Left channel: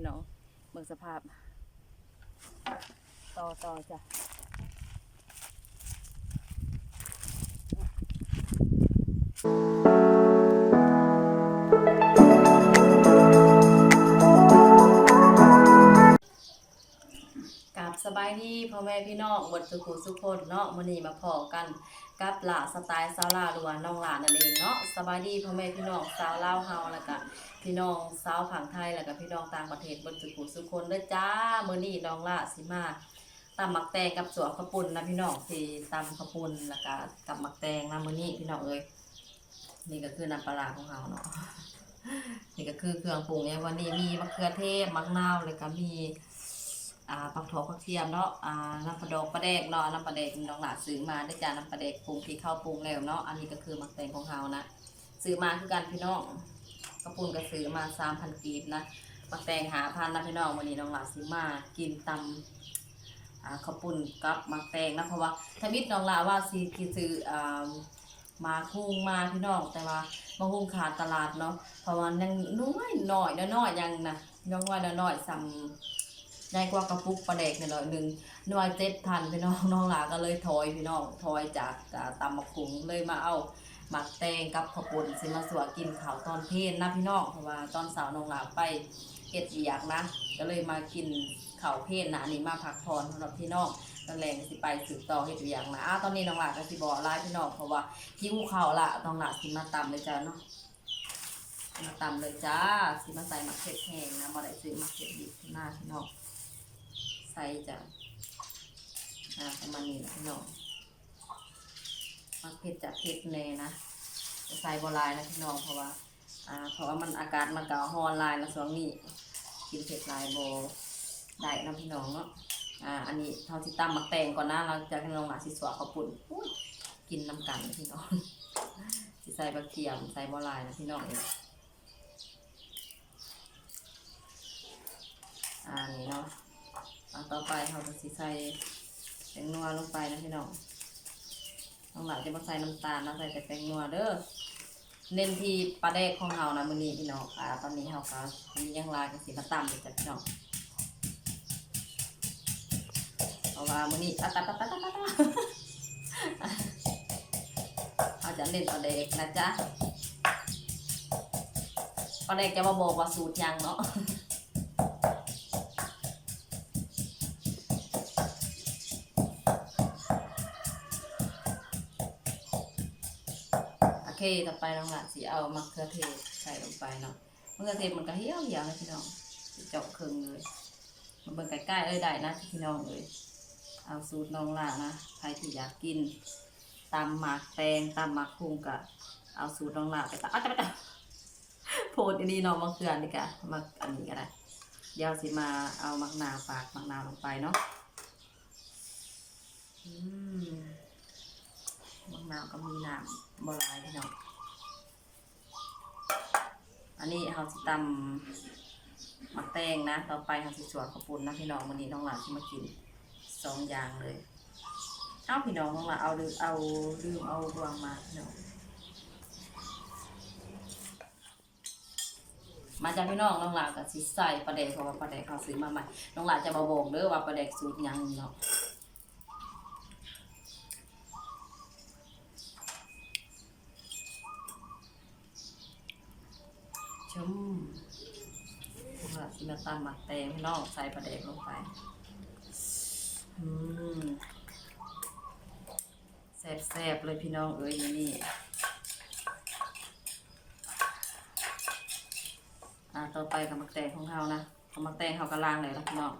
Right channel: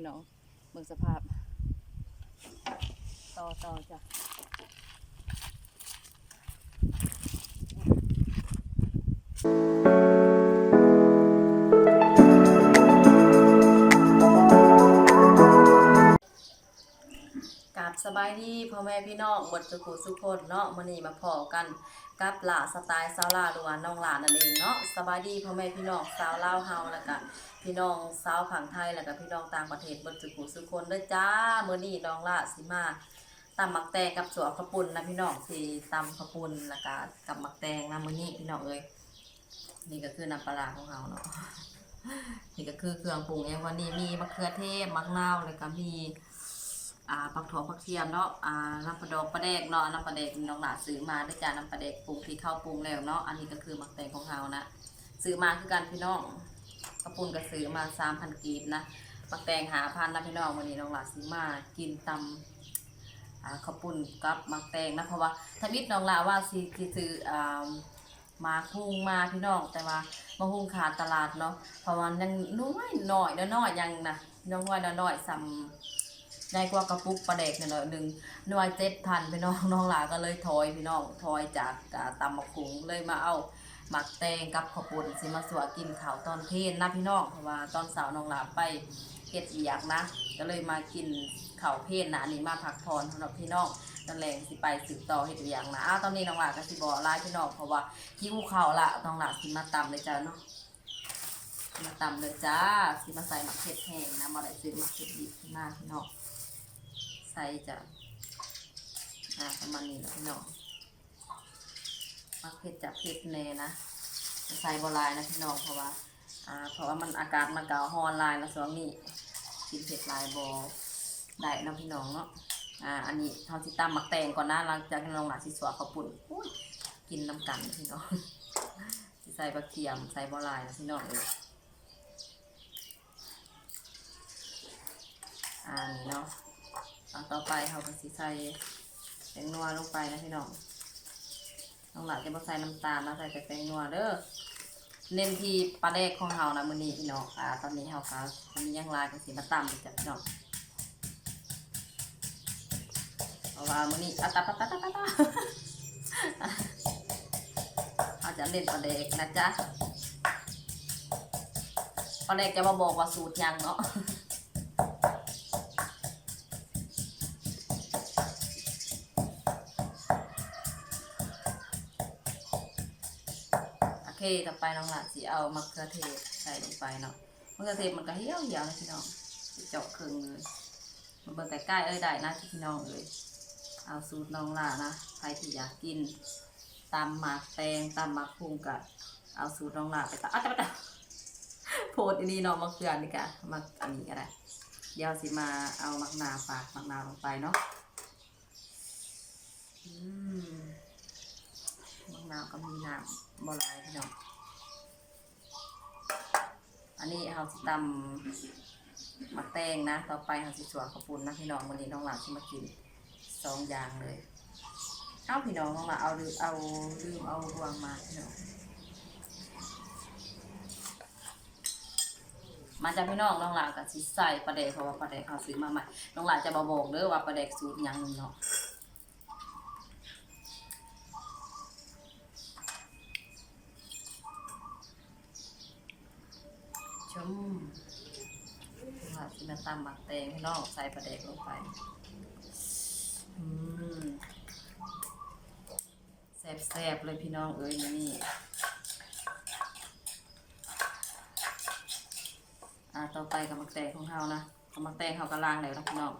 พี่น้องเบิ่งสภาพ ต่อต่อจ้ะกับ สบายดีพ่อแม่พี่น้องบทสุขุสุขคนเนาะมื้อนี้มาพอกันกับหลาสไตล์สาวลาหรือว่าน้องหลานนั่นเองเนาะสบายดีพ่อแม่พี่น้องสาวลาวเฮาแล้วก็พี่น้องสาวผังไทยแล้วก็พี่น้องต่างประเทศบทสุขุสุขคนเด้อจ้ามื้อนี้น้องหละสิมาตำหมักแตงกับสวขาวปุ่นนะพี่น้องสิตำขาวปุ่นแล้วก็กับหมักแตงนะมื้อนี้พี่น้องเอ้ยนี่ก็คือน้ำปลาร้าของเฮาเนาะนี่ก็คือเครื่องปรุงเนี่ยวันนี้มีมะเขือเทศมะนาวแล้วก็มี อ่าผักถั่วผักเทียมเนาะอ่าน้ำปลาดอกปลาแดกเนาะน้ำปลาแดกน้องหลาซื้อมาได้จานน้ำปลาแดกปรุงที่เข้าวปรุงแล้วเนาะอันนี้ก็คือมักแตงของเฮานะซื้อมาคือกันพี่น้องกระปุนก็ซื้อมาสามพันกีบนะมักแตงหาพันนะพี่น้องวันนี้น้องหลาซื้อมากินตำอ่าข้าวปุ้นกับมักแตงนะเพราะว่าถ้ามิดน้องหลาว่าซีคือซื้ออ่ามาคุ้งมาพี่น้องแต่ว่ามาคุ้งขาดตลาดเนาะเพราะว่ายังน้อยหน่อยน้อยยังนะน้องว่าน้อยซ้ำ ได้กว่ากระปุกปลาแดกหน่อยหนึ่งหน่วยเจ็ดพันพี่น้องน้องหลาก็เลยถอยพี่น้องถอยจากอ่าตำมะขุงเลยมาเอาหมักแตงกับข้าวปุ้นสิมาสวกินข้าวตอนเพลนนะพี่น้องเพราะว่าตอนสาร์น้องหลาไปเก็ดเวียกนะ ก็เลยมากินข้าวเพลนนะนนี้มาพักผ่อนสำหรับพี่น้องตอนแรงสิไปสืบต่อเฮ็ดเวียกนะอ้าตอนนี้น้องหลาก็สิบอกไล่พี่น้องเพราะว่าหิวข้าวละน้องหลาสิมาตำเลยจ้าเนาะมาตำเลยจ้าสิมาใส่หมักเผ็ดแห้งนะมาได้ซื้อหมักเผ็ดดิบหน้าพี่น้อง ใส่จะอ่าประมาณนี้แหละพี่น้องมักเผ็ดจะเผ็ดแน่นะจะใส่บหลายนะพี่น้องเพราะว่าอ่า เพราะว่ามันอากาศมันเก่าฮอนลายแล้วช่วงนี้กินเผ็ดลายโบได้นะพี่น้องเนาะอ่าอันนี้ทอนสิตำมักแตงก่อนนะหลังจากที่น้องหลานสิสวเขาปุ่นกินน้ำกันนะพี่น้องใส่บะเทียมใส่บหลายนะพี่น้องเองอ่านี่เนาะ เอาต่อไปเราก็สิใส่แป้งนัวลงไปนะพี่น้องน้องหลานจะมาใส่น้ำตาลนะใส่แต่แป้งนัวเด้อเน้นที่ปลาแดกของเฮานะมื้อนี้พี่น้องอ่าตอนนี้เฮาก็มียังลายก็สิมาตำเลยจ้ะพี่น้องเพราะว่ามื้อนี้อะตะตะตะตะตะตะเราจะเล่นปลาแดกนะจ๊ะปลาแดกจะมาบอกว่าสูตรยังเนาะ เคต่อไปน้องหลานสิเอามะเขือเทศใส่ลงไปเนาะมะเขือเทศมันก็เหี่ยวเหี่ยวนะพี่น้องเจาะครึ่งเลยมาเบิ่งใกล้ๆเอ้ยได้นะพี่น้องเอ้ยเอาสูตรน้องหลานนะใครที่อยากกินตำหมากแตงตำหมากพุงกะเอาสูตรน้องหลานไปตำอ้าวจะไปตำโพดอันนี้เนาะมะเขือนี่กะมักอันนี้ก็ได้เดี๋ยวสิมาเอามักนาวฝากมักนาวลงไปเนาะอืมมะนาวก็มีน้ำ บลายพี่น้องอันนี้เราสิตำหมักแตงนะ ต่อไปเราสิสวนข้าวปุ้นนะพี่น้องวันนี้น้องหลานที่มากินสองอย่างเลยเอาพี่น้องน้องหลานเอาลืมเอาลืมเอารวงมาพี่น้องมาจากพี่น้องน้องหลานกับสิใส่ปลาแดกเพราะว่าปลาแดกเขาซื้อมาใหม่น้องหลานจะมาบอกเด้อว่าปลาแดกสูตรยังเนาะ ชมว่าสิมาตำหมักแตงพี่น้องใส่ปลาแดกลงไปอืมแซ่บๆเลยพี่น้องเอ้ยนี่อ่าต่อไปกับหมักแตงของเฮานะกับหมักแตงเฮากระลางแล้วนะพี่น้อง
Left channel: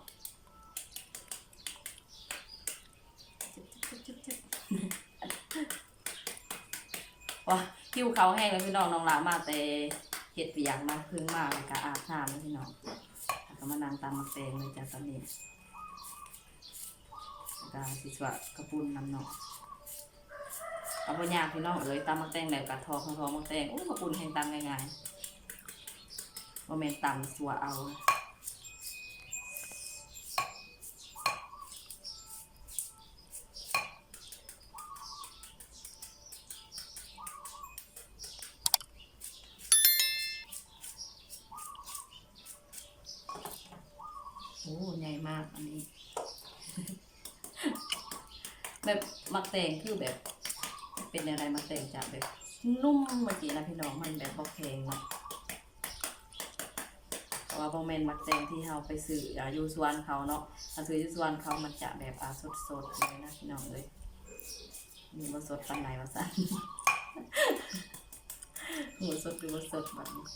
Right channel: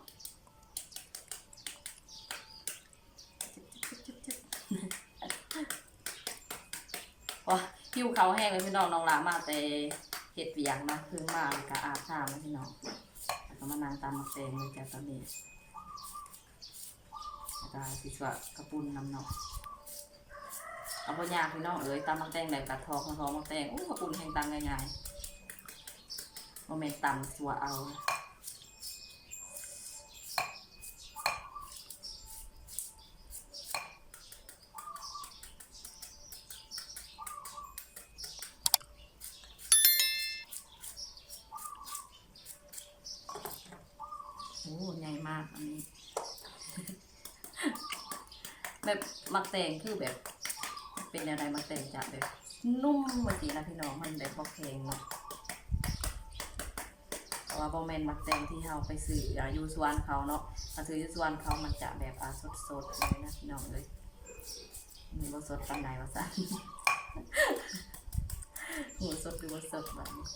ว้าคิวเขาแห้งเลยพี่น้องน้องลามาแต่ เห็ดเวียงนะพึ่งมาแล้วก็อาบน้ำนะพี่น้องแล้วก็มานางตามมักแตงเลยจ้ะตอนนี้แล้วก็สิสวะกระปุนน้ำเนาะเอาพ่อยาพี่น้องเอ้ยตามมักแตงแบบกระทองทอมักแตงโอ้กระปุนแห้งตามง่ายๆโมเมนต์ตำสัวเอา มักแตงคือแบบ เป็นอะไรมักแตงจะแบบ นุ่มเมื่อกี้นะพี่น้องมันแบบบอแข็งเนาะเพราะว่าบอแมนมักแตงที่เราไปซื้ออยู่สวนเขาเนาะถ้าซื้ออยู่สวนเขามันจะแบบอาสดๆเลยนะพี่น้องเลยมีบ่สดปันใดวะสันหมูสดหรือว่สดแบบนี้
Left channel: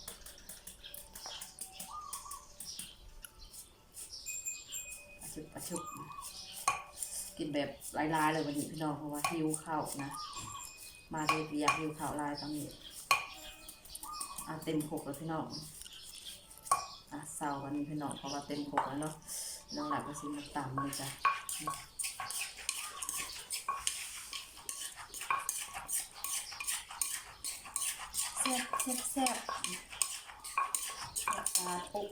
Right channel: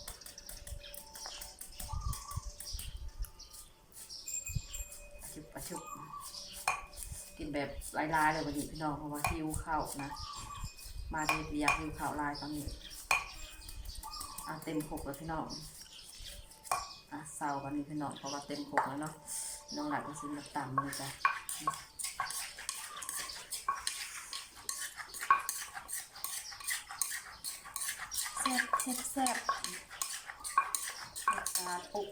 กินแบบลายๆเลยวันนี้พี่น้องเพราะว่าหิวข้าวนะ มาเดทอยากหิวข้าวลายตอนนี้อะเต็มขกแล้วพี่น้องอะเศร้าวันนี้พี่น้องเพราะว่าเต็มขกแล้วเนาะน้องหลักก็ซื้อมาต่ำเลยจ้ะแซ่บแซ่บแซ่บราคาปุ๊บ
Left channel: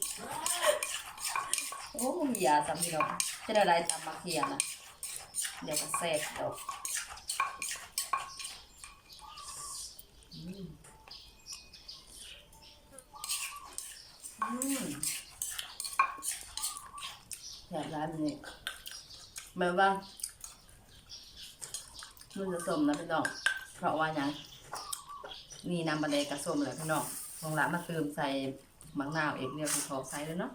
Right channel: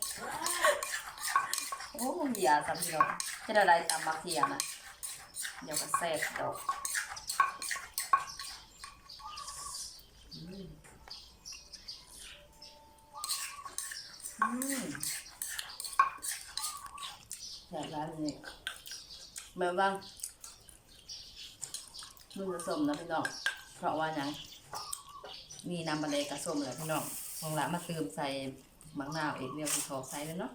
โอ้มึงอย่าจำพี่น้องจะได้ได้ตำมาเขียนะ เดี๋ยวก็แซ่บดอกอืมอืมแซ่บร้านนี้แม่บ้างมันจะสมนะพี่น้อง เพราะว่ายังมีน้ำบะเลกระส้มเลยพี่น้องของร้านมาเติมใส่มะนาวเอกเรียวที่ขอใส่เลยเนาะ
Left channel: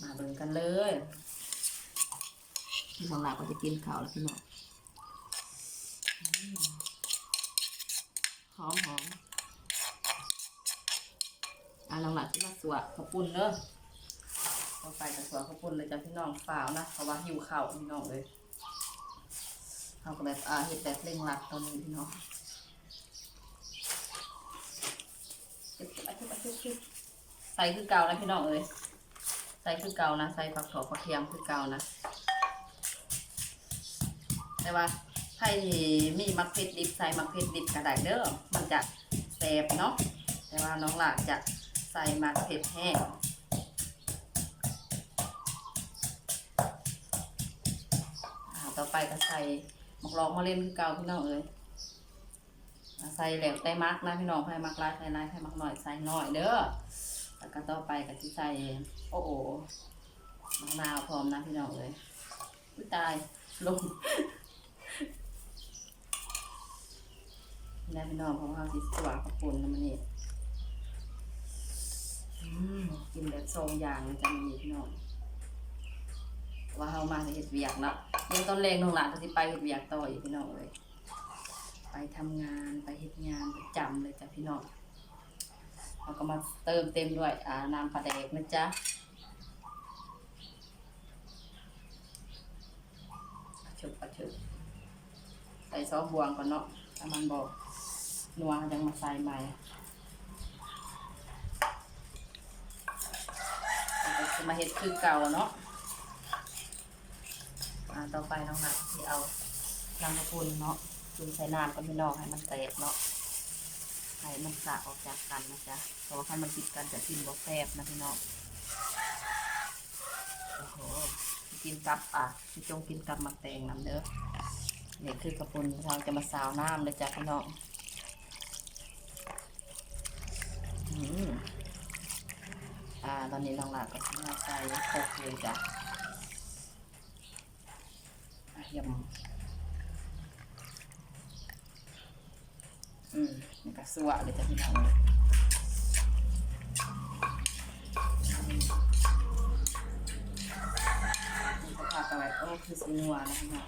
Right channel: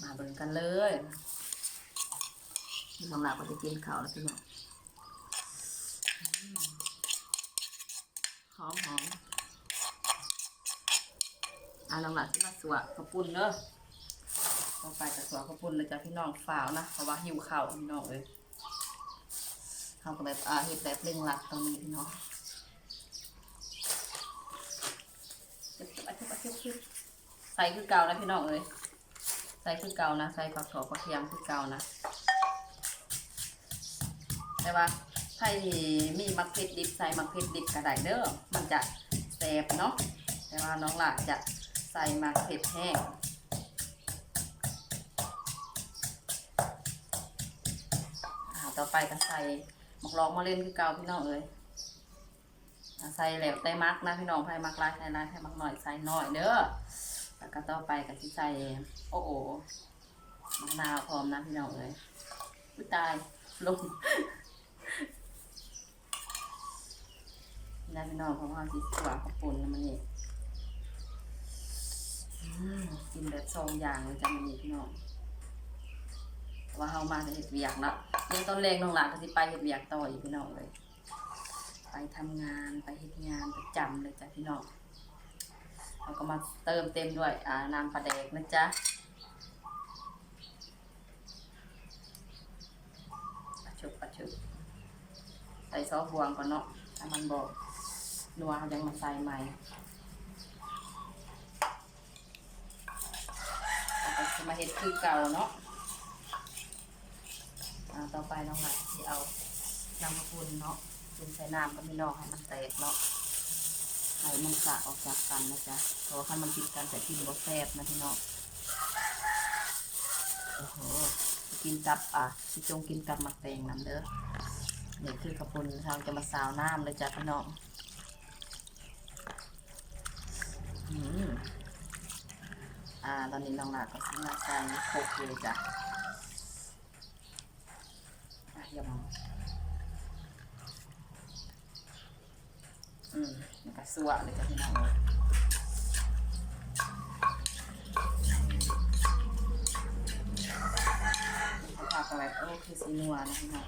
มาเบิ่งกันเลย บางหลักก็จะกินข้าวแล้วพี่น้องหอมหอมอะหลักๆที่มาสวะข้าวปุ้นเนอะต่อไปกับสวะข้าวปุ้นเลยจ้ะพี่น้องฝ่าวนะเพราะว่าหิวข้าวพี่น้องเลยเขาก็แบบอ่าเห็ดแบบเร่งรัดตอนนี้พี่น้องเก็บเก็บอาชุบอาชุบชุบใส่คือเก่านะพี่น้องเอ้ยใส่คือเก่านะใส่ผักถั่วผักเทียมคือเก่านะ แต่ว่าไผ่มีมักเพชรดิบใส่มักเพชรดิบกระไดเด้อมันจะแสบเนาะแต่ว่าน้องหลาจะใส่มักเพชรแห้งอ่าต่อไปก็ใส่หมกลองมาเล่นคือเก่าพี่น้องเอ้ยใส่แล้วแต่มักนะพี่น้องไผ่มักลายใส่ลายไผ่มักหน่อยใส่หน่อยเด้อแล้วก็ต่อไปก็สิใส่โอ้โหมะนาวพร้อมนะพี่น้องเอ้ยตายลง นะพี่น้องเพราะว่าสิสวากับปุ่นนะมันนี่กินแบบทรงอย่างเลยจ้ะมันนี่พี่น้องว่าเฮามาจะเห็ดเวียกเนาะยังต้นแรงน้องหลานก็สิไปเห็ดเวียกต่ออีกพี่น้องเลยไปทำงานไปเห็ดงานประจำเลยจ้ะพี่น้องเราก็มาเติมเต็มด้วยอ่าน้ำปลาแดกนะจ๊ะปะชุบปะชุบใส่ซอสบวงก่อนเนาะถ้ามันบอก นัวยังมาใส่ใหม่แล้วก็จะมาเห็ดคือเก่าเนาะอ่าต่อไปน้องหนักที่เอาน้ำมะพุนเนาะจุ่มใส่น้ำก็ไม่นอกให้มันแตกเนาะให้มันสะออกจากกันนะจ๊ะเพราะว่าคันมันติดกันจะกินบ่แซ่บนะพี่น้องโอ้โหกินกับอะสิจงกินกับหมักแตงน้ำเด้อเนี่ยคือกระปุนเราจะมาสาวน้ำเลยจ้ะพี่น้อง อ่า ตอนนี้น้องหลาก็ซื้อมาใส่โคกเลยจ้ะอะยำอืมนี่ก็สวะเลยจ้ะพี่น้องนี่ก็พากันแบบโอ้คือสีนัวนะพี่น้อง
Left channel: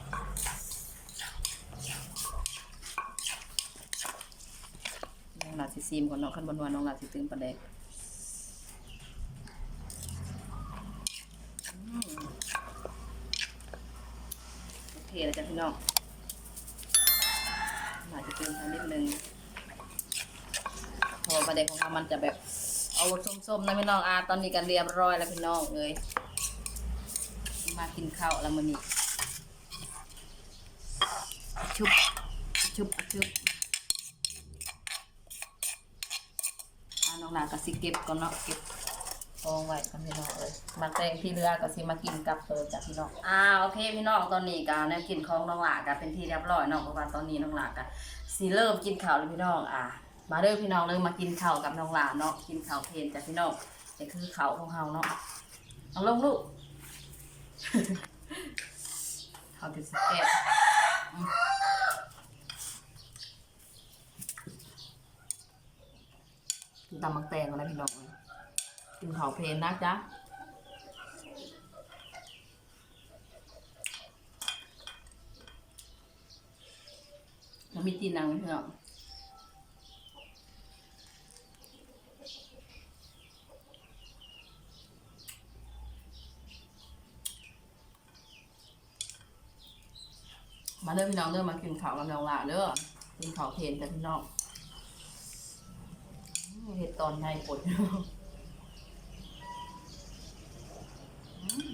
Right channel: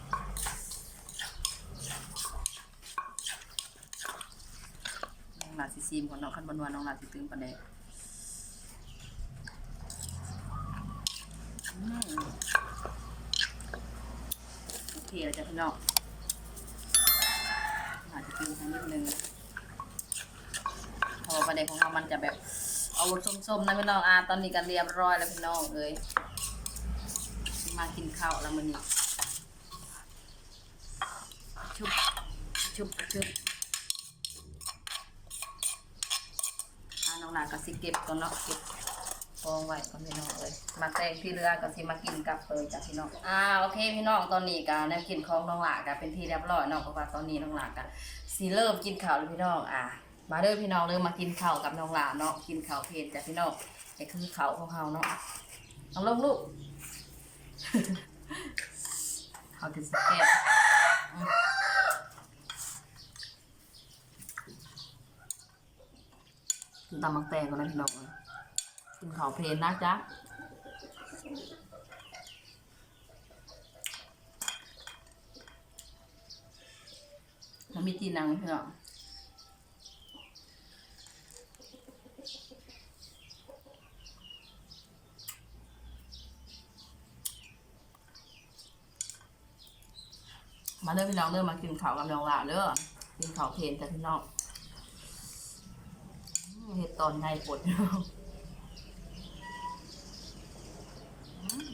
น้อง หลาสิซีมก่อนเนาะขั้นบนวันน้องหลาสิตื่นประเด็กโอเคแล้วจ้ะพี่น้องหลาจะตื่นสักนิดนึงเพราะว่าประเด็กของเรามันจะแบบเอาส้มๆนะพี่น้องอ่าตอนนี้กันเรียบร้อยแล้วพี่น้องเอ้ยมากินข้าวแล้วมื้อนี้ชุบชุบชุบ อ่า น้องหลานก็สิเก็บก่อนเนาะเก็บกองไว้ก่อนพี่น้องเลยมาแตงที่เรือก็สิมากินกับเปิดจากพี่น้องอ่าโอเคพี่น้องตอนนี้ก็แนวกินของน้องหลานก็เป็นที่เรียบร้อยเนาะเพราะว่าตอนนี้น้องหลานก็สิเริ่มกินข้าวแล้วพี่น้องอ่ามาเด้อพี่น้องเริ่มมากินข้าวกับน้องหลานเนาะกินข้าวเพลนจากพี่น้องนี่คือข้าวของเฮาเนาะเอาลงลูกเขาติดสแกตอืมกิน ตำมักแตงกันนะพี่น้องกินข้าวเพลนนะจ๊ะมันมีจีนนางพี่น้องมาเด้อพี่น้องเด้อมากินข้าวกับน้องหลาเด้อกินข้าวเพลนแต่พี่น้อง เห็ดตอนในปวดเนาะอืม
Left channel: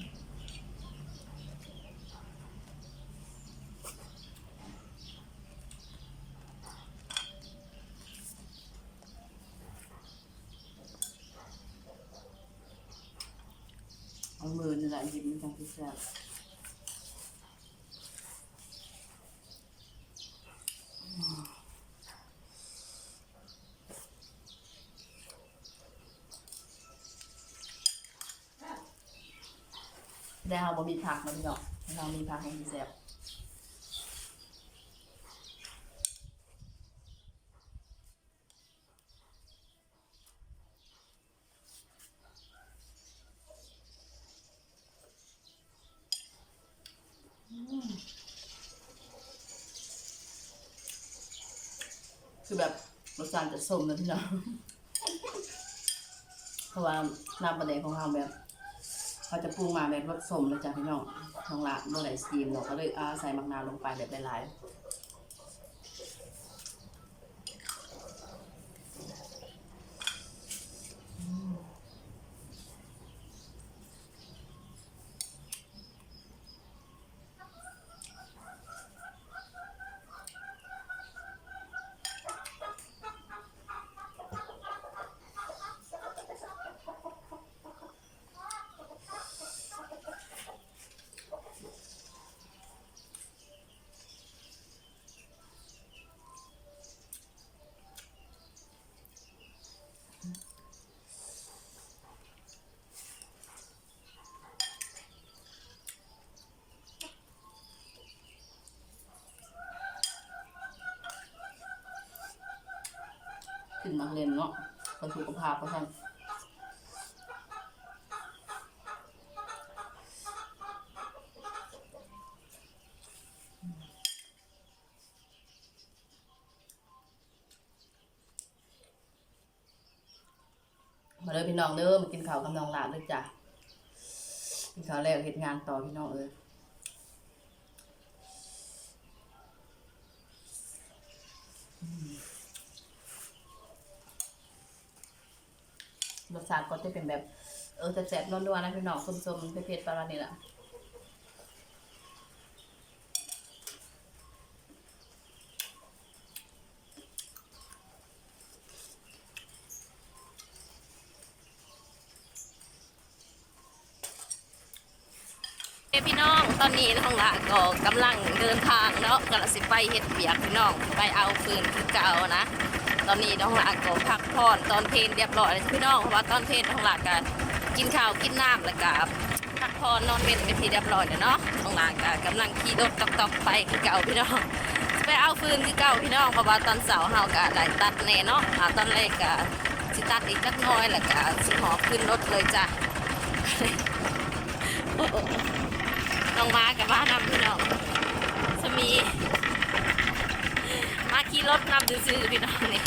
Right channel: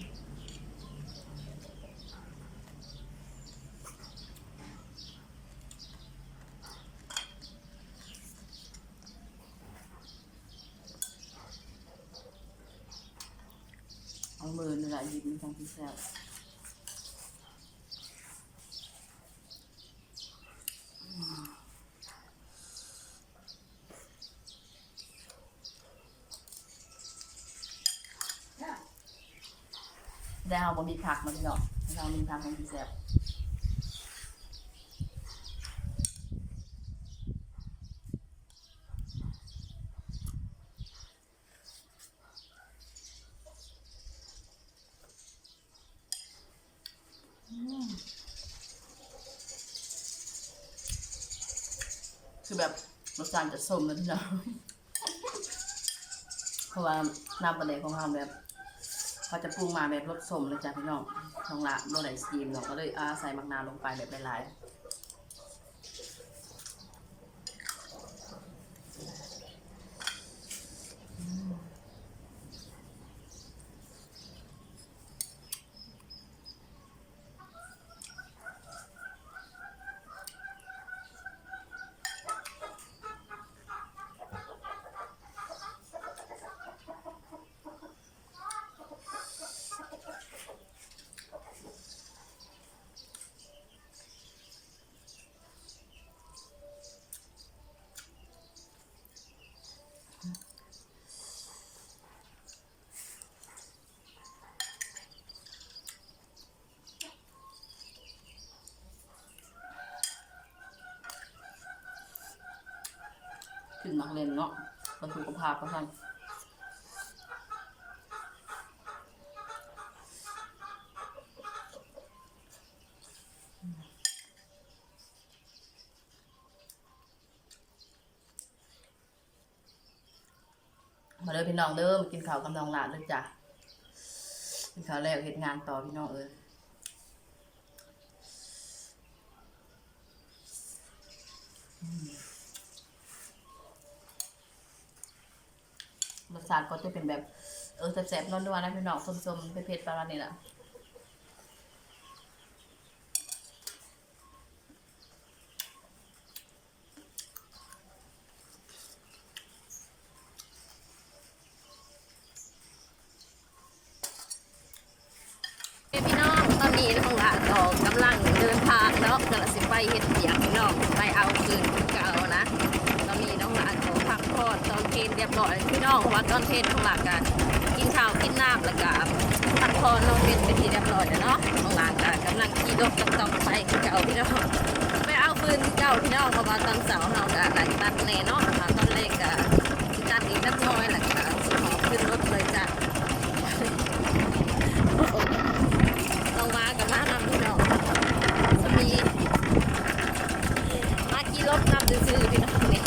เอามือนี่แหละหยิบมันจังที่แซ่บ ได้เอาบะหมี่ผักมาพี่น้องเรามีผักของพี่แซ่บคือแบบรสชาติจะส้มนะพี่น้องเพราะว่าน้ำปลาแดกของเราแบบ เขาจะปรุงมาแบบรสสมเลยจ้ะพี่น้องช่องละโมไดสตีมเราก็เลยอาใส่มักนาวลงไปแบบหลายๆ มักเล่นเนาะคนสุขภาพเพราะท่านมาเลยพี่น้องเด้อมากินข้าวกับน้องหลานเลยจ้ะกินข้าวแล้วเฮ็ดงานต่อพี่น้องเอ้ย รสชาติก็จะเป็นแบบ เออแซ่บๆนัวๆนะพี่น้องส้มๆเผ็ดๆประมาณนี้แหละพี่น้องตอนนี้น้องหลาก็กำลังเดินทางเนาะกำลังสิไปเฮ็ดเบียกพี่น้องไปเอาคืนคือเก่านะ ตอนนี้น้องหลานก็พักผ่อนตอนเพลนเรียบร้อยแล้วพี่น้องเพราะว่าตอนเพลนน้องหลานก็กินข้าวกินน้ำแล้วก็พักผ่อนนอนเป็นเป็นที่เรียบร้อยแล้วเนาะน้องหลานก็กำลังขี่รถตอกๆไปคือเก่าพี่น้องไปเอาฟืนคือเก่าพี่น้องเพราะว่าตอนเสาร์เฮาก็ได้ตัดแน่เนาะอ่าตอนแรกก็สิตัดอีกจักหน้อยแล้วก็สิหอบขึ้นรถเลยจ้ะโอ้โหน้องมากับมานำพี่น้องสมี ขี่รถนำซื่อพี่น้องนี่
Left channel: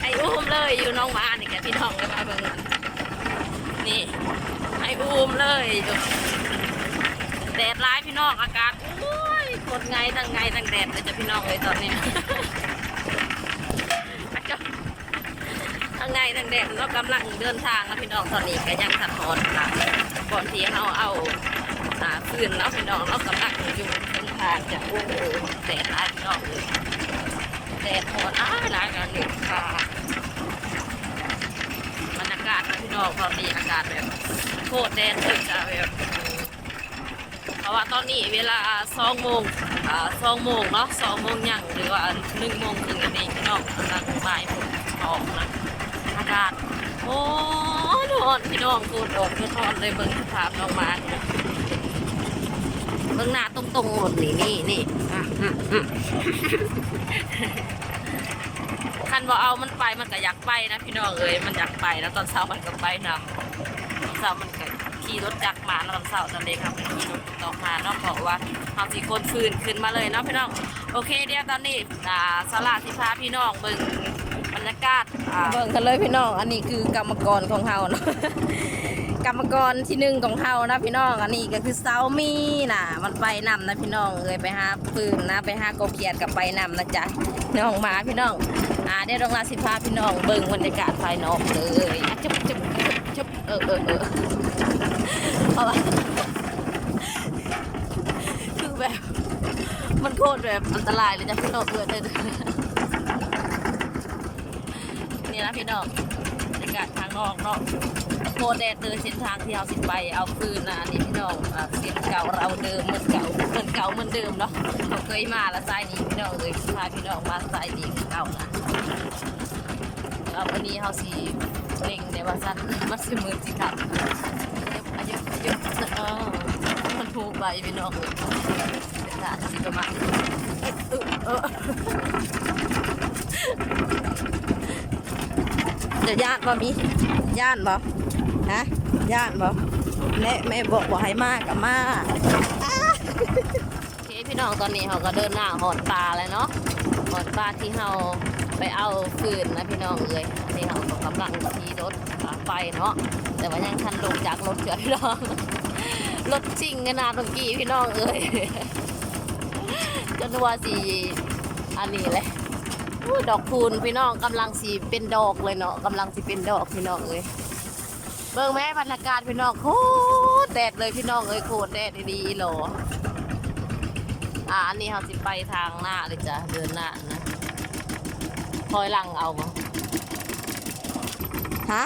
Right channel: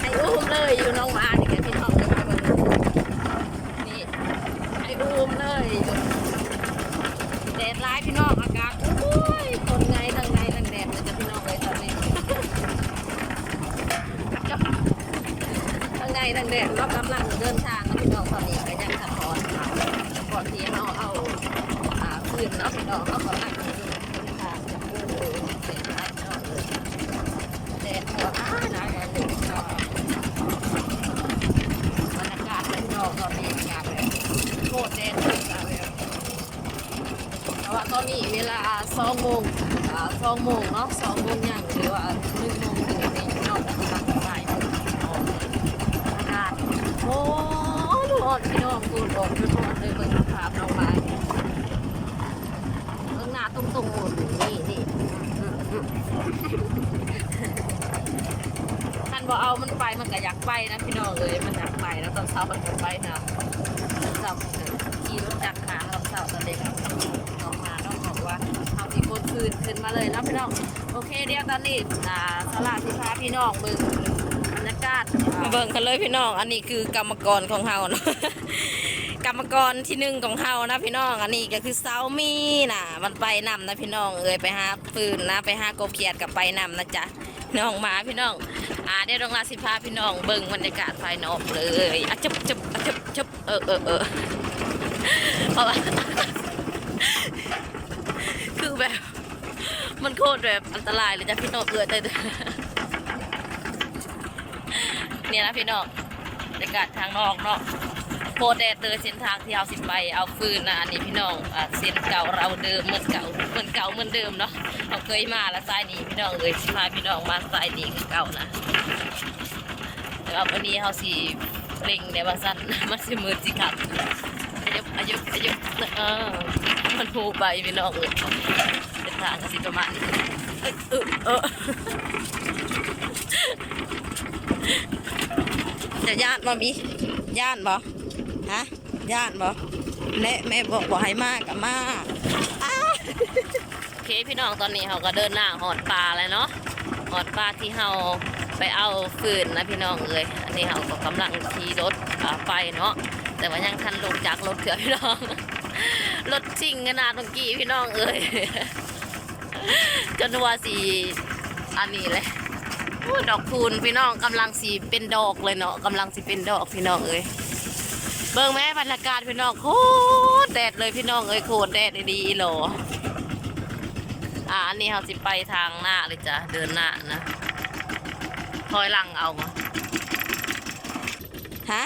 ให้อุ้มเลยอยู่น้องหมานี่แกพี่น้องเลยมาเบิ่งนี่ให้อุ้มเลยอยู่แดดร้ายพี่น้องอากาศโอ้ยคนไงทั้งไงทั้งแดดเลยจะพี่น้องเลยตอนนี้ถ้าทั้งไงทั้งแดดเรากำลังเดินทางนะพี่น้องตอนนี้ก็ยังทันหอนค่ะก่อนที่เราเอาอ่าฟืนเนาะพี่น้องเรากำลังอยู่เดินทางจะโอ้โหแดดร้ายพี่น้องเลย ดดหอนอ้าหลายกันหนึ่งค่ะบรรยากาศนะพี่น้องตอนนี้อากาศแบบโคตรแดดเลยจ้ะแบบเพราะว่าตอนนี้เวลาสองโมงอ่าสองโมงเนาะสองโมงยังหรือว่าหนึ่งโมงถึงนั่นเงพี่น้องกำลังบ่ายโมงออกนะอากาศโอ้โหฮอนพี่น้องกูโดดคือฮอนเลยเบิ่งสภาพน้องมาเบิ่งหน้าตรงๆหมดนี่นี่นี่ คันบ่เอามันไปมันก็อยากไปนะพี่น้องเอ้ยมันอยากไปแล้วตอนเช้ามันก็ไปนำตอนเช้ามันก็ขี่รถจักรมาแล้วตอนเช้าตอนเด็กครับมันขี่รถตอกมาเนาะบอกว่าเอาสีโกนฟืนขึ้นมาเลยเนาะพี่น้องโอเคเดี๋ยวตอนนี้อ่าสลาที่พาพี่น้องเบิ่งบรรยากาศเบิ่งกันเลยพี่น้อง อันนี้คือกรรมกรของเฮาเนาะ กรรมกรที่หนึ่งของเฮานะพี่น้อง อันนี้ก็คือเซามีน่ะมันไปนำนะพี่น้องเอ้ยไปหาปืนนะไปหากบเขียดกับไปนำนะจ๊ะน้องมาพี่น้องอ่าเดี๋ยวดองลาสิพาพี่น้องเบิ่งบรรยากาศภายนอกเลยอะจุบจุบจุบจุบเออเออเออเพราะว่าคือแบบ มันโคตรแบบอันตรายเลยจ้ะพี่น้องเออแต่นี่นะพี่น้องบรรยากาศทางนอกเนาะ โคแดดเลยเส้นทางที่เราสิไปเอาฟืนนะอันนี้พี่น้องอ่าเส้นเก่าเราเดิมเหมือนเก่าเหมือนเก่าเหมือนเดิมเนาะเราเคยมาแล้วสายนี้พี่น้องเลยสิพาพี่น้องมาสายนี้คือเก่านะแต่ว่าวันนี้เขาสีเร่งในว่าสั้นมันสิมือสิครับอายุอายุอายุมันหูใบพี่น้องเลยเป็นทางสิประมาณจะญาติบ่มีญาติบ่ ญาติบ่แม่แม่บอกบอกให้มากกับมาโอเคพี่น้องตอนนี้เขาก็เดินหน้าหอดปลาแล้วเนาะหอดปลาที่เราไปเอาฟืนนะพี่น้องเอ้ยอันนี้เราก็กำลังขี่รถไปเนาะแต่ว่ายังทันลงจากรถเถื่อพี่น้องรถซิ่งขนาดตรงกี้พี่น้องเอ้ยจนว่าสีอันนี้เลยดอกคูณพี่น้องกำลังสีเป็นดอกเลยเนาะกำลังสีเป็นดอกพี่น้องเอ้ย เบิ่งแม่บรรยากาศพี่น้องโคตรแดดเลยพี่น้องเอ้ยโคตรแดดดีๆอีหลออ่าอันนี้เราสิไปทางหน้าเลยจ้ะเดินหน้านะถอยหลังเอามาฮะ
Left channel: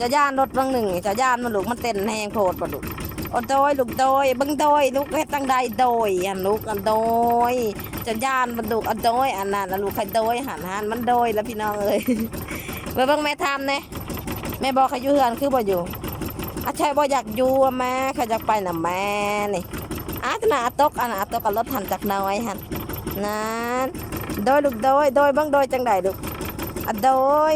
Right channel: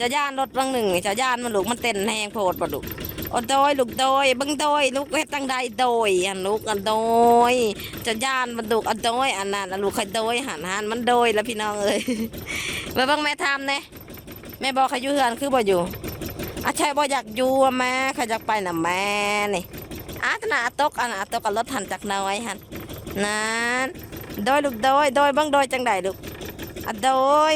จะย่านรถบางหนึ่งจะย่านมันลูกมันเต้นแหงโพดปะลูกโอ้โดยลูกโดยเบังโดยลูกเฮ็ดตั้งใดโดยอันลูกอันโดยจะย่านมันลูกอันโดยอันนั้นลูกใครโดยหันหันมันโดยแล้วพี่น้องเอ้ยไปเบิ่งแม่ทำเนี่ย แม่บอกเขาอยู่เฮือนคือบ่อยู่อาชัยบ่อยากอยู่อะแม่เขาอยากไปน่ะแม่นี่อาตนาตกอันอาตกกับรถหันจากน้อยหันนั้นโดยลูกโดยโดยเบังโดยจังใดลูกอโดย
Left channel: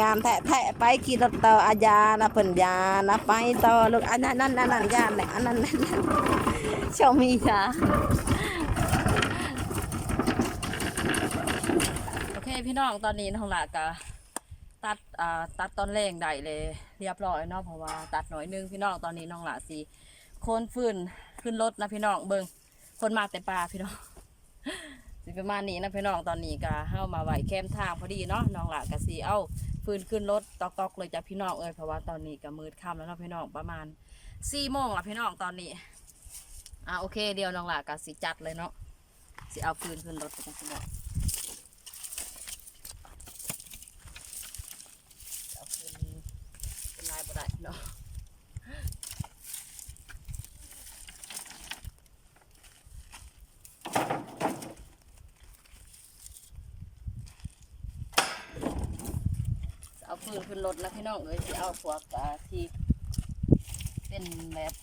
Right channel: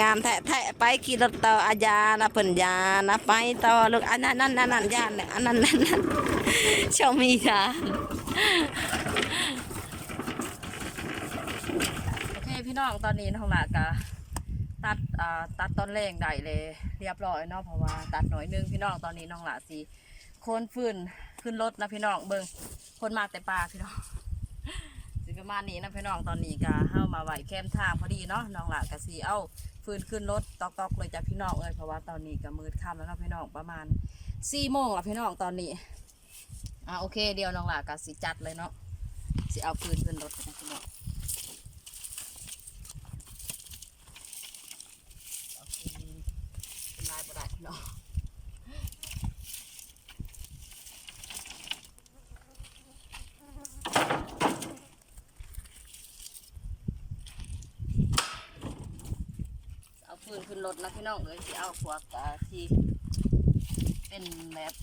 งามแทะแทะไปขี่รถต่ออาญานะเพิ่นยานะไปต่อลูกอันนั้นนั่นนั่นนั่นยานเลยอันนั้นนั่นนั่นชมมีค่ะโอเคพี่น้องตอนนี้น้องหลากะ ตัดอ่าตัดตอนแรงได้เลยเรียบร้อยเนาะเพราะว่าตัดหน่อยนึงพี่น้องตอนนี้น้องหลาสีโคนฟืนขึ้นรถนะพี่น้องเบิงคนมาแต่ป่าพี่น้องสิประมาณนี้นะพี่น้องตอนนี้ก็เข้ามาไหวแคมทางพอดีเนาะน้องหลากะสีเอาฟืนขึ้นรถตอกๆเลยจ้ะพี่น้องเอ้ยเพราะว่าตอนนี้ก็มืดค่ำแล้วเนาะพี่น้องประมาณสี่โมงละพี่น้องตอนนี้อ่าโอเคเดี๋ยวน้องหลากะสีจัดเลยเนาะสิเอาฟืนขึ้นรถนะพี่น้องเอาฟืน เป็ได้พี่น้องเอาฟืนขึ้นรถนะพี่น้องเอ้ยที่เอาพวกที่เป็นแบบ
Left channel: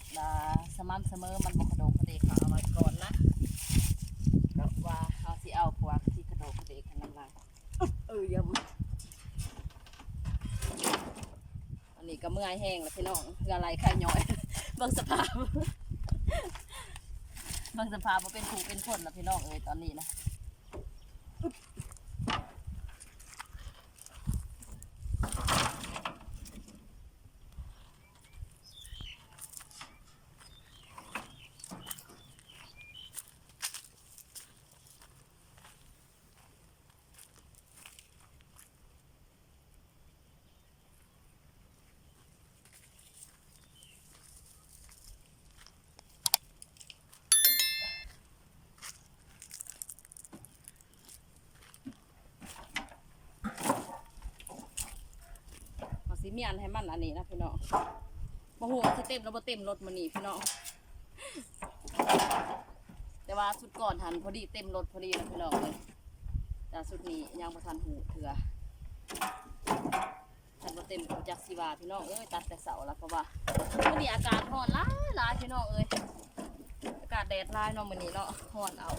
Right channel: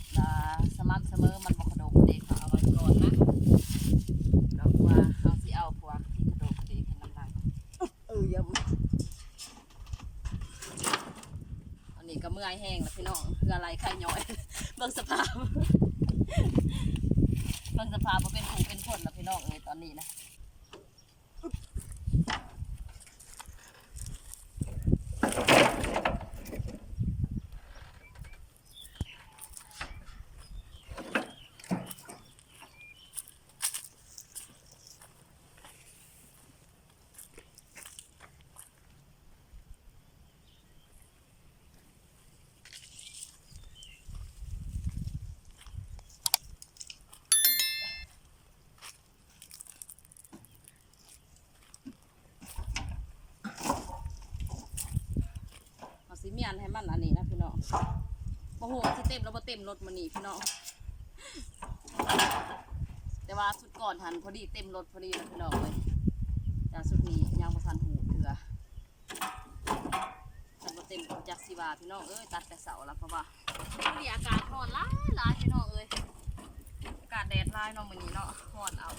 สม่ำเสมอมันบกกระโดกเด็กเอาไว้ก่อนนะแล้วว่าเขาที่เอาพวกที่กระโดกเด็กให้มันลังเออยังตอ นี่ก็เมื่อยแห้งแล้วพี่น้องเพื่ออะไรใครย่อยเบิ่งสภาพเบิ่งสภาพว่าเป็นผู้เป็นคนแล้วพี่น้องเอ้ยตอนนี้นะ สีเมียนให้มันอันนี้นะพี่น้องบ่ฮู้ว่าสิเต็มแล้วบ่เต็มรถมื้อนี้พี่น้องแต่ว่าสุดก่อนหันพอดีเต็มรถพอดีนะพี่น้องเลยแต่สุดนี้ยังบ่ทันหูเถื่อฉันบ่เต็มจักสิว่าพี่น้องเอ้ยตัดแต่เสาแล้วเพราะว่าวันนี้อากาศร้อนหลายหลายพี่น้องเอ้ยอากาศแดดร้ายเนาะมื้อนี้เนาะร้อนเอา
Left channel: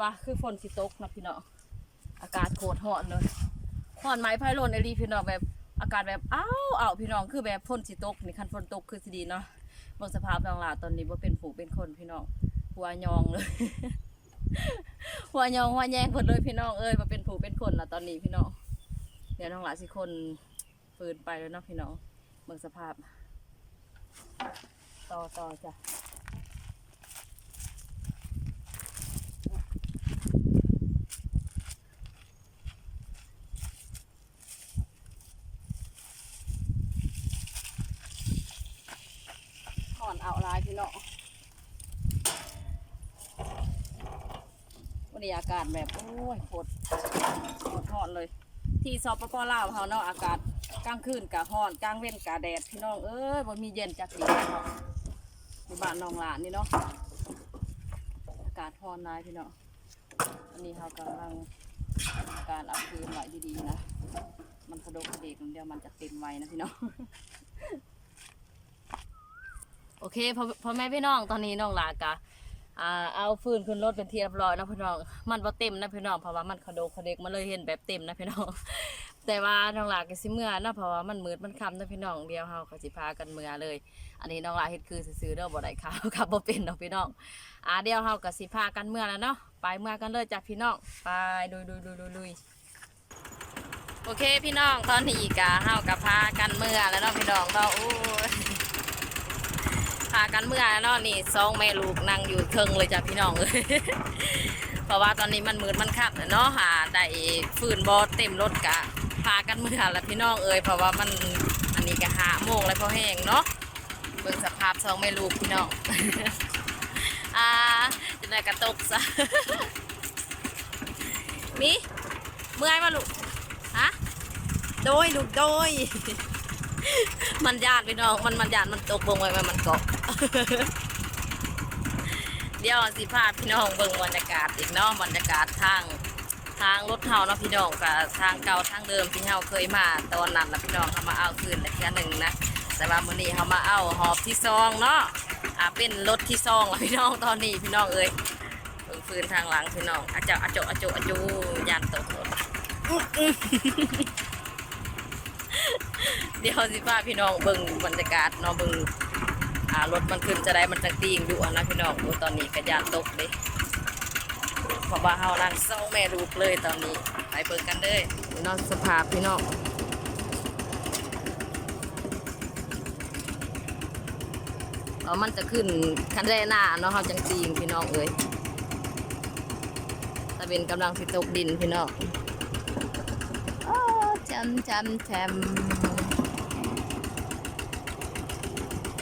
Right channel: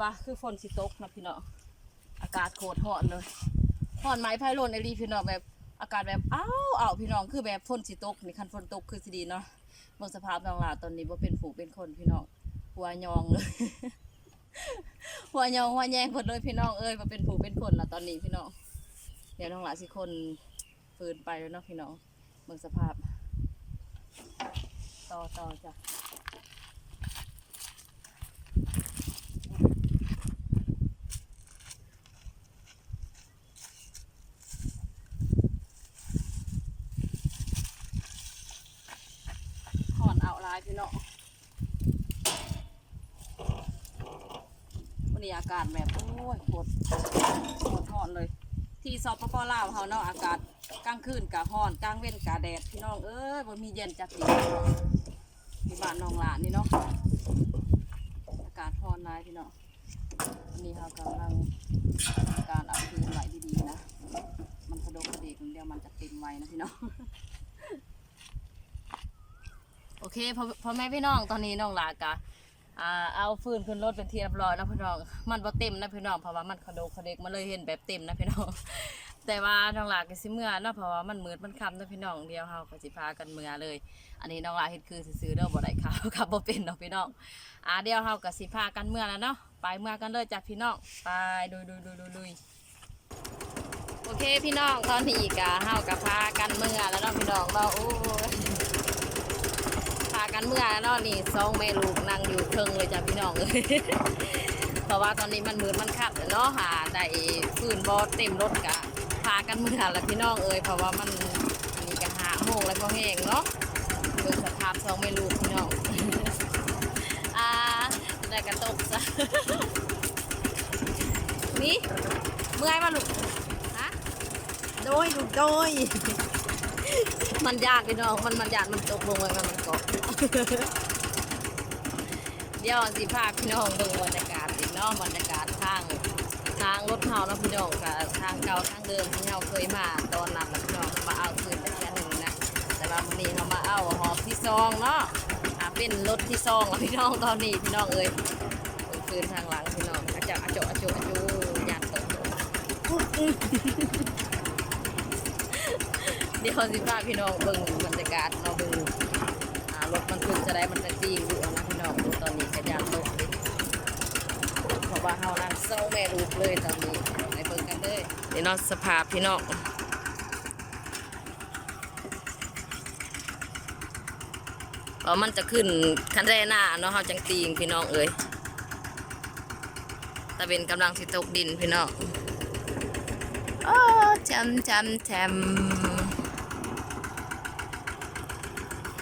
ว่าคือฝนสิตกนะพี่น้องอากาศโคตรร้อนเลยร้อนไหมไพ่ลนไอรีพี่น้องแบบอากาศแบบอ้าวอ้าวพี่น้องคือแบบฝนสิตกนี่คันฝนตกคือสิดีเนาะเบิ่งสภาพน้องหลาตอนนี้ว่าเป็นฝูเป็นคนพี่น้องหัวยองเลย หัวยองหัวแยงหมดเลยพี่น้องเอ้ยว่าเป็นผูเป็นคนละตอนนี้พี่น้องเดี๋ยวน้องหลาสิคนฟืนไปแล้วเนาะพี่น้องเบิ่งสภาพ ต่อต่อจ้ะ หอนเอาลายพี่น้อง อากาศแบบโอ้ยโคตรโคตรหอนเลย ที่สปปลาวเขาเนาะอากาศกลางคืนกะฮ้อนกลางเว้นกะแดดพี่น้องเอ้ยบ่มีเย็นจักดีพี่น้องที่บ้านน้องหลานนี่เนาะอากาศฮ้อนหลายพี่น้องอันนี้เขากำลังการเอาคืนไว้ดีๆนะมันกระดดกระเดกเดียวมันจะเต็มไว้นะพี่น้องโอเคพ่อพ่อแม่พี่น้องตอนนี้น้องลากะ อ่าเอาฟืนขึ้นรถเป็นที่เรียบร้อยแล้วพี่น้อง มันบ่เต็มนะพี่น้องเพราะว่ามันขโดกขเดกมันเลยเห็นแบบเต็มนะพี่น้อง แต่ว่าน้องหลาก็สิเมื่อนาะเพราะว่ามันมืดมันค่ำนะพี่น้องเดียวเฮาก็สิพากันเมื่อเลย อันนี้น้องหลาเฮ็ดคือซื่อๆเด้อบ่ได้ข่าวครับบ่เป็นเนาะพี่น้องอ่าเดียวเฮาก็สิพากันเมื่อแล้วเนาะไปเมื่อกันเลยจ้ะพี่น้องไปดุยดุยดุยดุยดุยโอเคพี่น้องตอนนี้ก็เฮาก็พากันเมื่อแล้วเนาะพี่น้องเนาะโอ้ยากันเมื่อเนาะนี่สองแม่ลูกนั่งอยู่เทิงเลยจ้ะพี่น้องเลยเพราะว่าตอนนี้มันมืดมันคับเนาะหาได้ฟืนบอเต็มรถกะพากันเมื่อล้วพี่น้องเอ้ยเพราะว่ามันอันนี้ก็หาโมงแล้วพอแห้งเนาะเบิ่งสภาพสองแม่ลูกพี่น้องอ่าจะได้กระตกซะมีเมื่อยมาลูกฮะโดยลูกโดย มันยานพี่น้อง มันมันยานมันตกลงไปมันมันเกาะเดี๋ยวสิพาพพี่น้องเบิ่งบรรยากาศอีกเนาะบรรยากาศทางทางรถเฮาเนาะพี่น้องกับทางเก่าทางเดิมที่เฮาเคยมาตอนนั้นแล้วพี่น้องเขามาเอาคืนแต่แค่หนึ่งนะแต่ว่ามื้อนี้เขามาเอาหอบที่ซองเนาะอ่าเป็นรถที่ซองแล้วพี่น้องตอนนี้พี่น้องเอ้ยเบิ่งฟืนทางหลังพี่น้องอาเจาอาโจอาโจอาโจยานตกรถ เดี๋ยวสิพาพี่น้องเบิ่งบรรยากาศเนาะเบิ่งอ่ารถมันขึ้นจะได้มันจะตีงอยู่นะพี่น้องโอ้ตอนนี้กระยานตกเลยเพราะว่าเฮานั่งเศร้าแม่ลูกเลยตอนนี้ไปเบิ่งกันเลยนี่เนาะสภาพพี่น้องเออมันจะขึ้นคันแรหน้าเนาะเฮาจังตีงพี่น้องเอ้ยตะเป็นกำลังสิตกดินพี่น้องโอ้จำจำจำ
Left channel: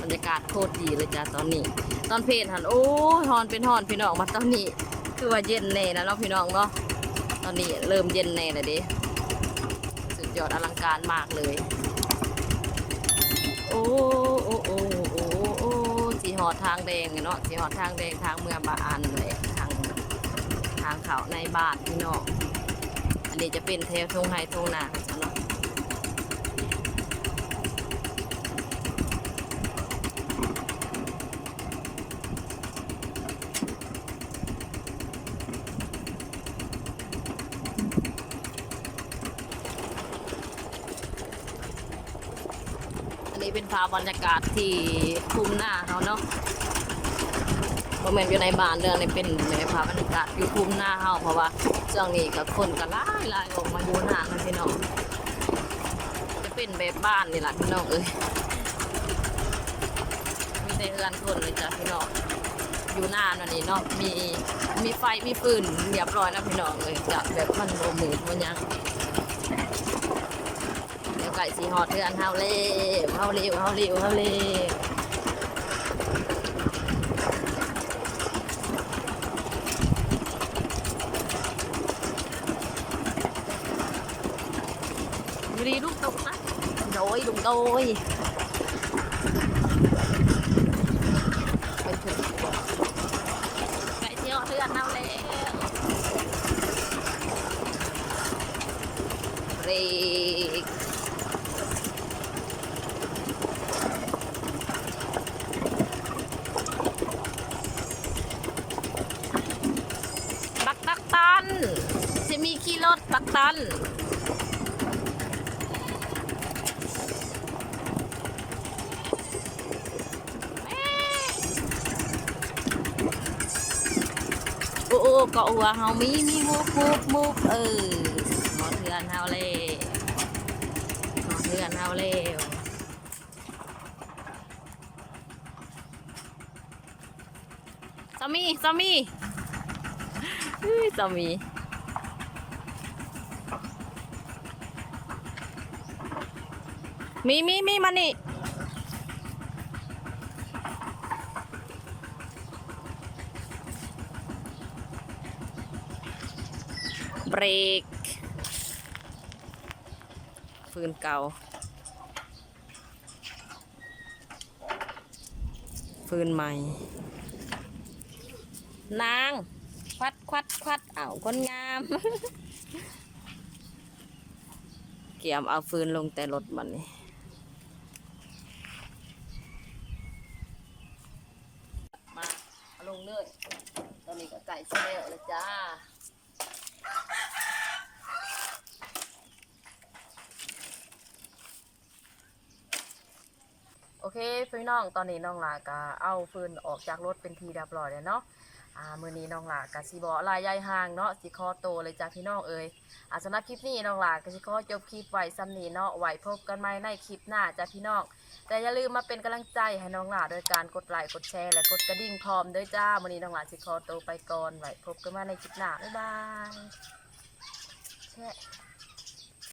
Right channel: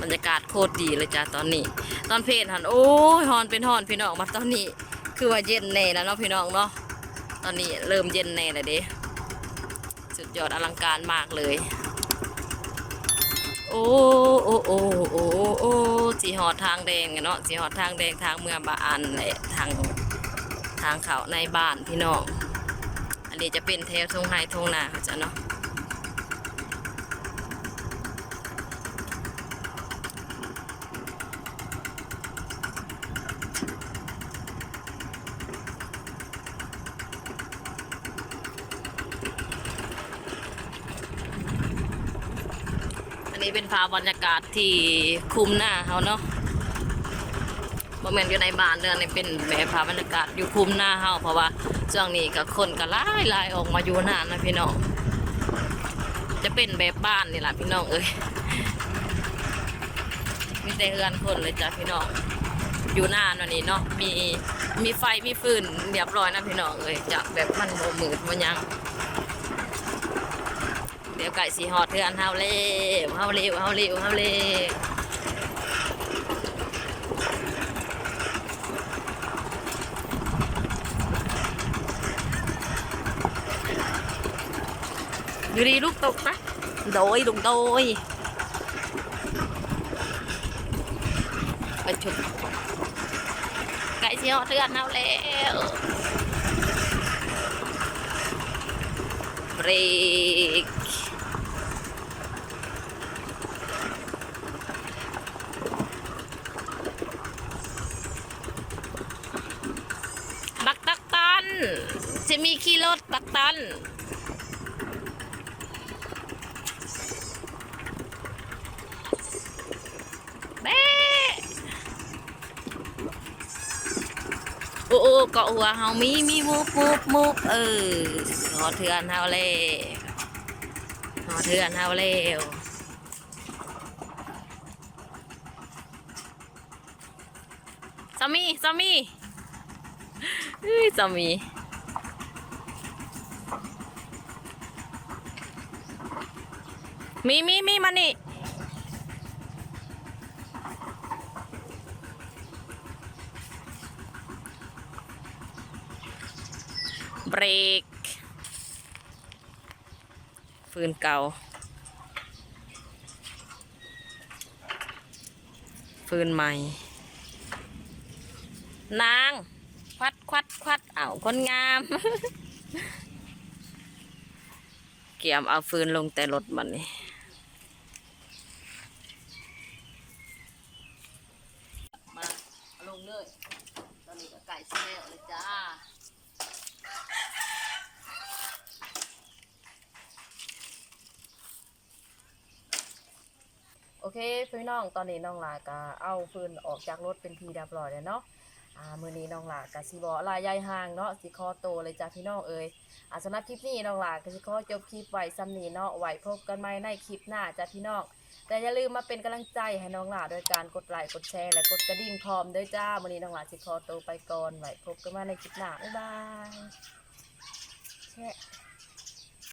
บรรยากาศโคตรดีเลยจ้ะตอนนี้ ตอนเพลนหันโอ้ยฮอนเป็นฮอนพี่น้องมาตอนนี้ คือว่าเย็นแน่แล้วเนาะพี่น้องเนาะตอนนี้เริ่มเย็นแน่เลยเด้สุดยอดอลังการมากเลย โอ้โอ้โอ้โอ้โอ้สีหอดทางแดงเนาะสีหอดทางแดงทางเมืองบาอันเลยทางทางเขาในบ้านพี่น้องอันนี้จะเป็นแถวทงไฮทงนาเขาจะเนาะอันนี้เป็นภาพบรรยากาศที่คุมหน้าเขาเนาะบ่แม่นอยู่ในบ้านเด้อนี่เป็นแบบภาพบรรยากาศอยู่คุมหน้าเฮาเพราะว่าช่วงนี้ก็คนก็หลายหลายออกมาอยู่หน้านะพี่น้อง จะเป็นแบบบ้านนี่แหละพี่น้องเอ้ยมีแต่เอือนคนเลยจ้ะพี่น้องอยู่หน้านันนี่เนาะมีมีไฟมีฟืนเรียบร้อยนะพี่น้องเอ้ยจะแบบมันโมมืดมันยัง ไก่สีหอดเทือนเฮาเล่เฮาเร็วเฮาเร็วเฮาเร็วอยู่ดีลูกตกนะโดยลุงโดยเป็นชุดไก่เชียวเทือนเอาแล้วเบรกตักตันจะมีขี่รถบักตัน แม่ โอ้โอ้เกาะหัวเฮามีมีมูฟมูฟมูฟเออหอเถือนเฮาเลยหอเถือนเฮาเร็วสามีสามีเฮ้ยสามี มีมีมีมานี่เบรก ฟืนเก่า ฟืนใหม่ นาง ควัดควัดควัดเอาคนงาม เกี่ยมเอาฟืนลงแต่รถมันนี่มาเอาล งเลย ตอนนี้ก็ไก่เสียเลยจ้าโอเคพี่น้องตอนนี้น้องหลากะเอาฟืนออกจากรถเป็นทีเรียบร้อยแล้วเนาะอ่ามือนี้น้องหลากะสิบอลายยายห่างเนาะสิคอโตเลยจ้าพี่น้องเอ้ยอ่าสำหรับคลิปนี้น้องหลากะสิขอจบคลิปไว้ซ้ำนี้เนาะไว้พบกันใหม่ในคลิปหน้าจ้าพี่น้อง แต่อย่าลืมมาเป็นกำลังใจให้น้องหลาโดยการกดไลค์กดแชร์และกดกระดิ่งพร้อมด้วยจ้าวันนี้น้องหลาสิคอโตวไปก่อนไว้พบกันใหม่ในคลิปหน้าบ๊ายบายแชะ